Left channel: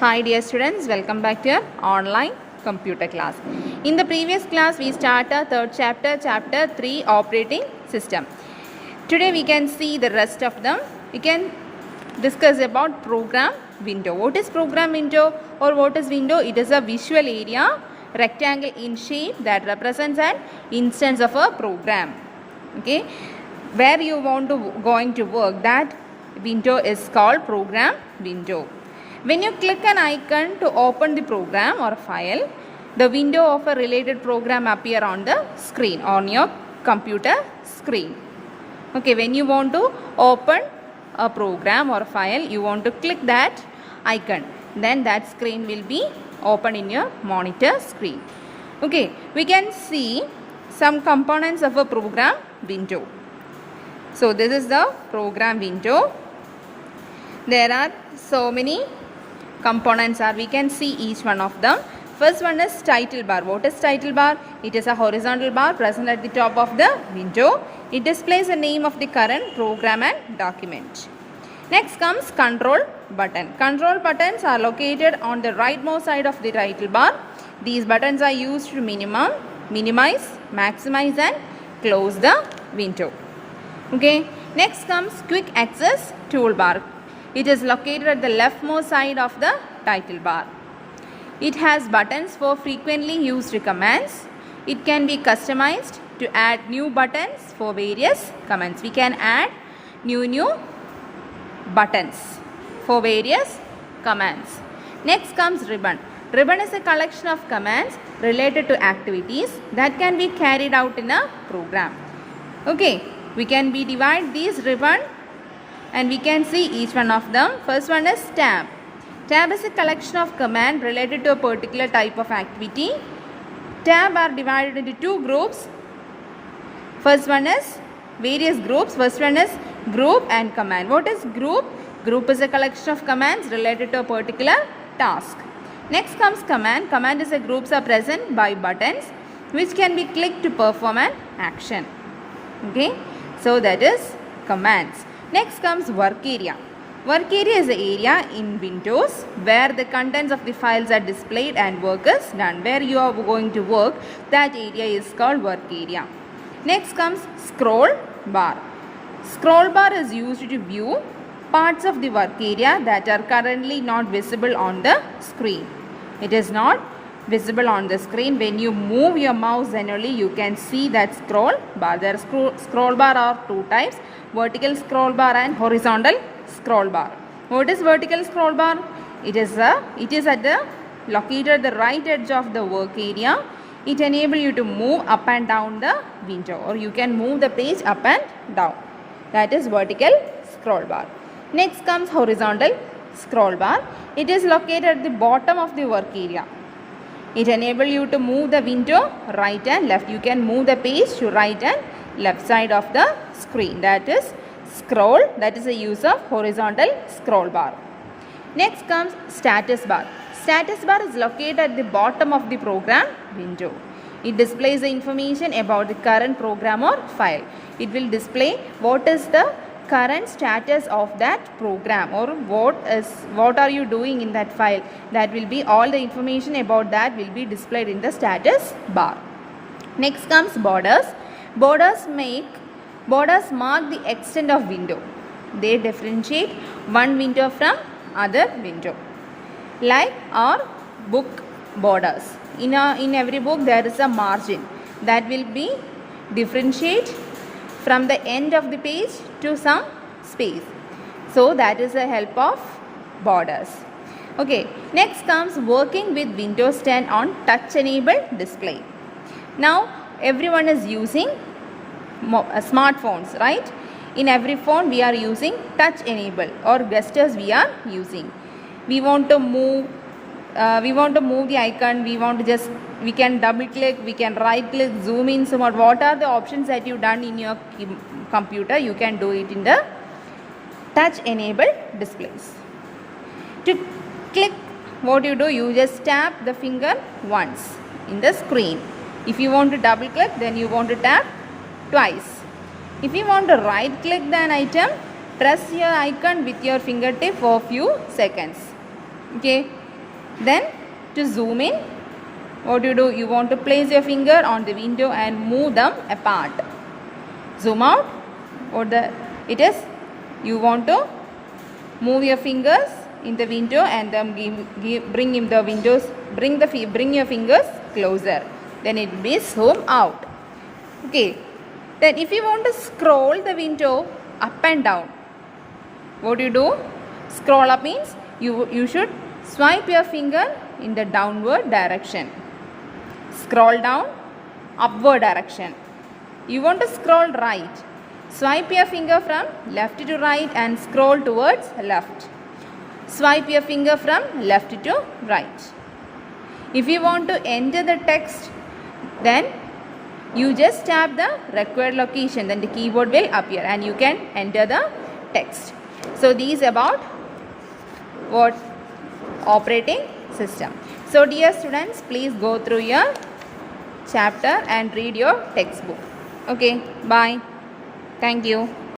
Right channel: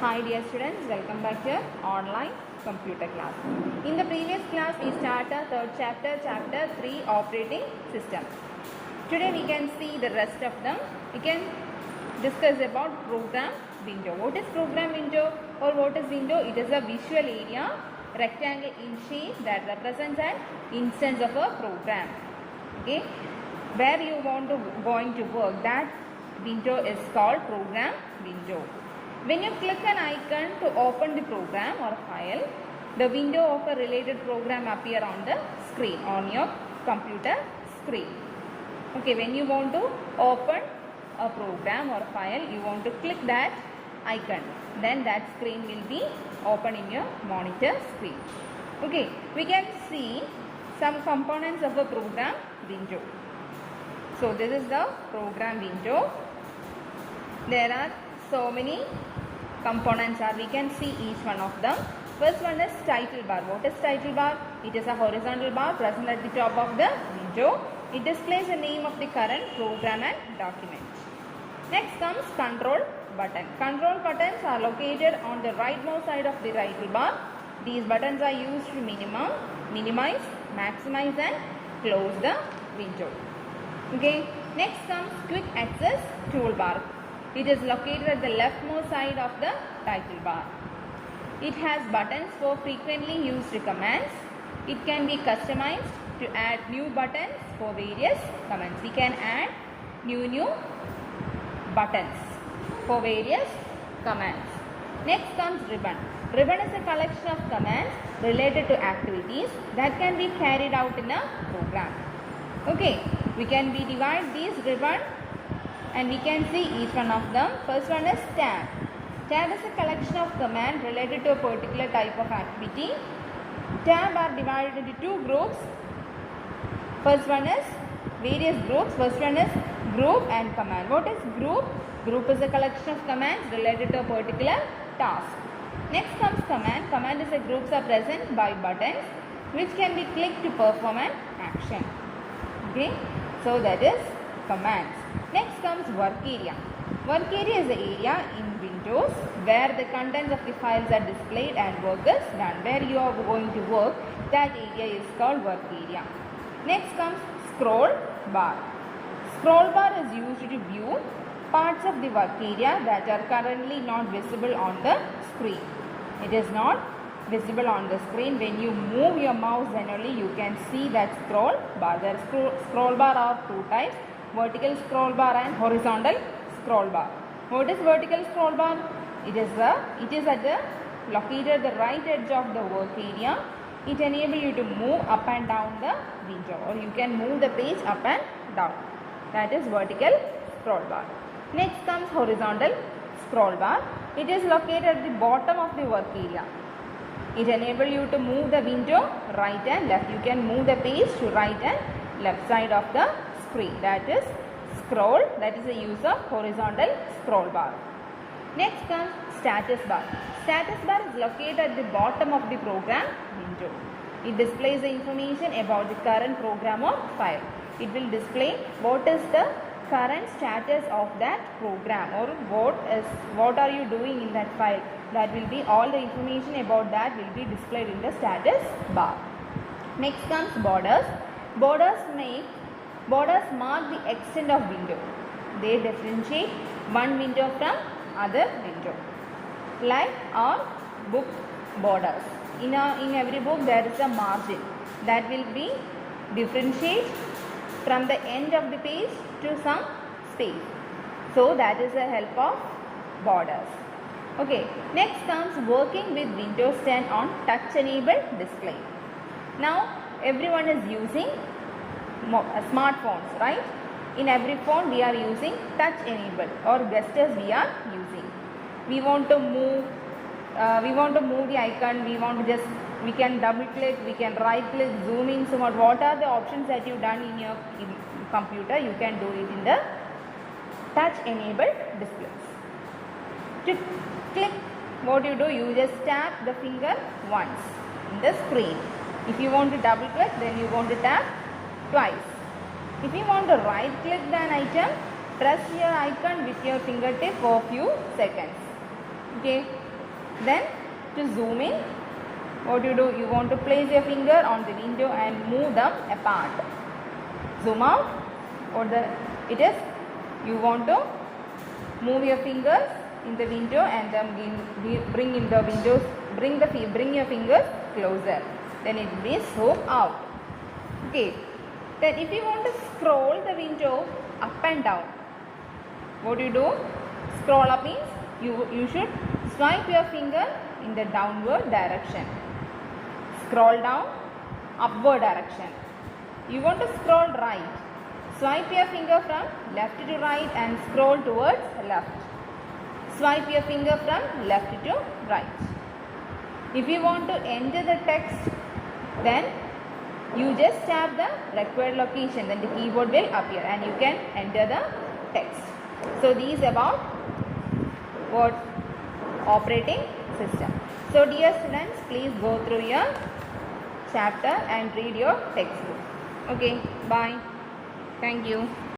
Hi dear students, welcome back to your online computer class. In the previous class we started third chapter, chapter 3 operating system. Today we can see the rest of them. We can discuss about program window. What is program window or what is window? It is a visual area rectangle in shape that represents an instance of a program. Okay, where you want to going to work, that window is called program window. When you click an icon to open the program or file, the window of a related program appear on the screen, on your computer screen. Okay, when you want to open a program or file, you want to click that icon, then that screen will be open in your monitor screen. Okay, we can see some components of a program window. So this is the program window. There are so many components we can see each one of them. First one is title bar. What is title bar? It is a horizontal bar present at the top of the window. It displays the name of the current program and document. Next comes control button. Control buttons are located on the rightmost side of the title bar. These buttons are used to minimize, maximize and close the window. Okay. Next comes quick access toolbar. It is located at the leftmost side of the title bar. It has buttons for frequently used commands. It can be customized to add new buttons for various commands. We can add new buttons for various commands. Next comes ribbon. Ribbon is a collection of commands related to activities that can be carried out in a program. Okay, we can divide these ribbon and we can see each one of them. First one is tab. Tab is a collection of commands related to a particular type of activity. Tab are divided into two groups. First one is various groups. First one is group and command. What is group? Group is a collection of commands related to a particular task. Next comes command. Command is a groups are present by buttons which can be clicked to perform an action. Okay, so that is commands. Next comes work area. Work area is the area in Windows where the contents of the files are displayed and work is done. Where you are going to work, that area is called work area. Next comes scroll bar. Scroll bar is used to view parts of the work area that are currently not visible on the screen. It is not visible on the screen. When you move your mouse, then only you can see that scroll bar. There scroll bar are two types: vertical scroll bar and horizontal scroll bar. What is vertical scroll bar? It is located at the right edge of the work area. It enables you to move up and down the window, or you can move the page up and down. That is vertical scroll bar. Next comes horizontal scroll bar. It is located at the bottom of the work area. It enables you to move the window right and left. You can move the page to right and left side of the screen. That is scroll. That is the use of horizontal scroll bar. Next comes status bar. Status bar is located at the bottom of the program window. It displays the information about the current program or file. It will display what is the current status of that program, or what are you doing in that file. That will be all the information about that will be displayed in the status bar. Next comes borders. Borders mark the extent of window. They differentiate one window from other window. Like our book borders. In every book there is a margin that will be differentiate from the end of the page to some space. So that is the help of borders. Okay, next comes working with Windows 10 on touch enabled display. Now everyone is using smartphones, right? In every phone we are using touch enable, or gestures we are using. We want to move the icon. We can double click, we can right click, zoom in, so what are the options that you done in your computer, you can do it in the touch enabled displays. To click, what you do, you just tap the finger once in the screen. If you want to double click, then you want to tap twice. If you want to right click an item, press your icon with your fingertip for a few seconds. Okay, Then to zoom in, what do? You want to place your finger on the window and move them apart. Zoom out, it is, you want to move your fingers in the window and then bring your fingers closer. Then it will be zoom out. Okay. Then if you want to scroll the window up and down, what do? Scroll up means you should swipe your finger in the downward direction. Scroll down, upward direction. You want to scroll right. Swipe your finger from left to right and scroll towards left. Swipe your finger from left to right. If you want to enter the text, then you just tap the required location, then the keyboard will appear and you can enter the text. So these about what? Operating system. So dear students, please go through your chapter and read your textbook. Okay, bye. Thank you.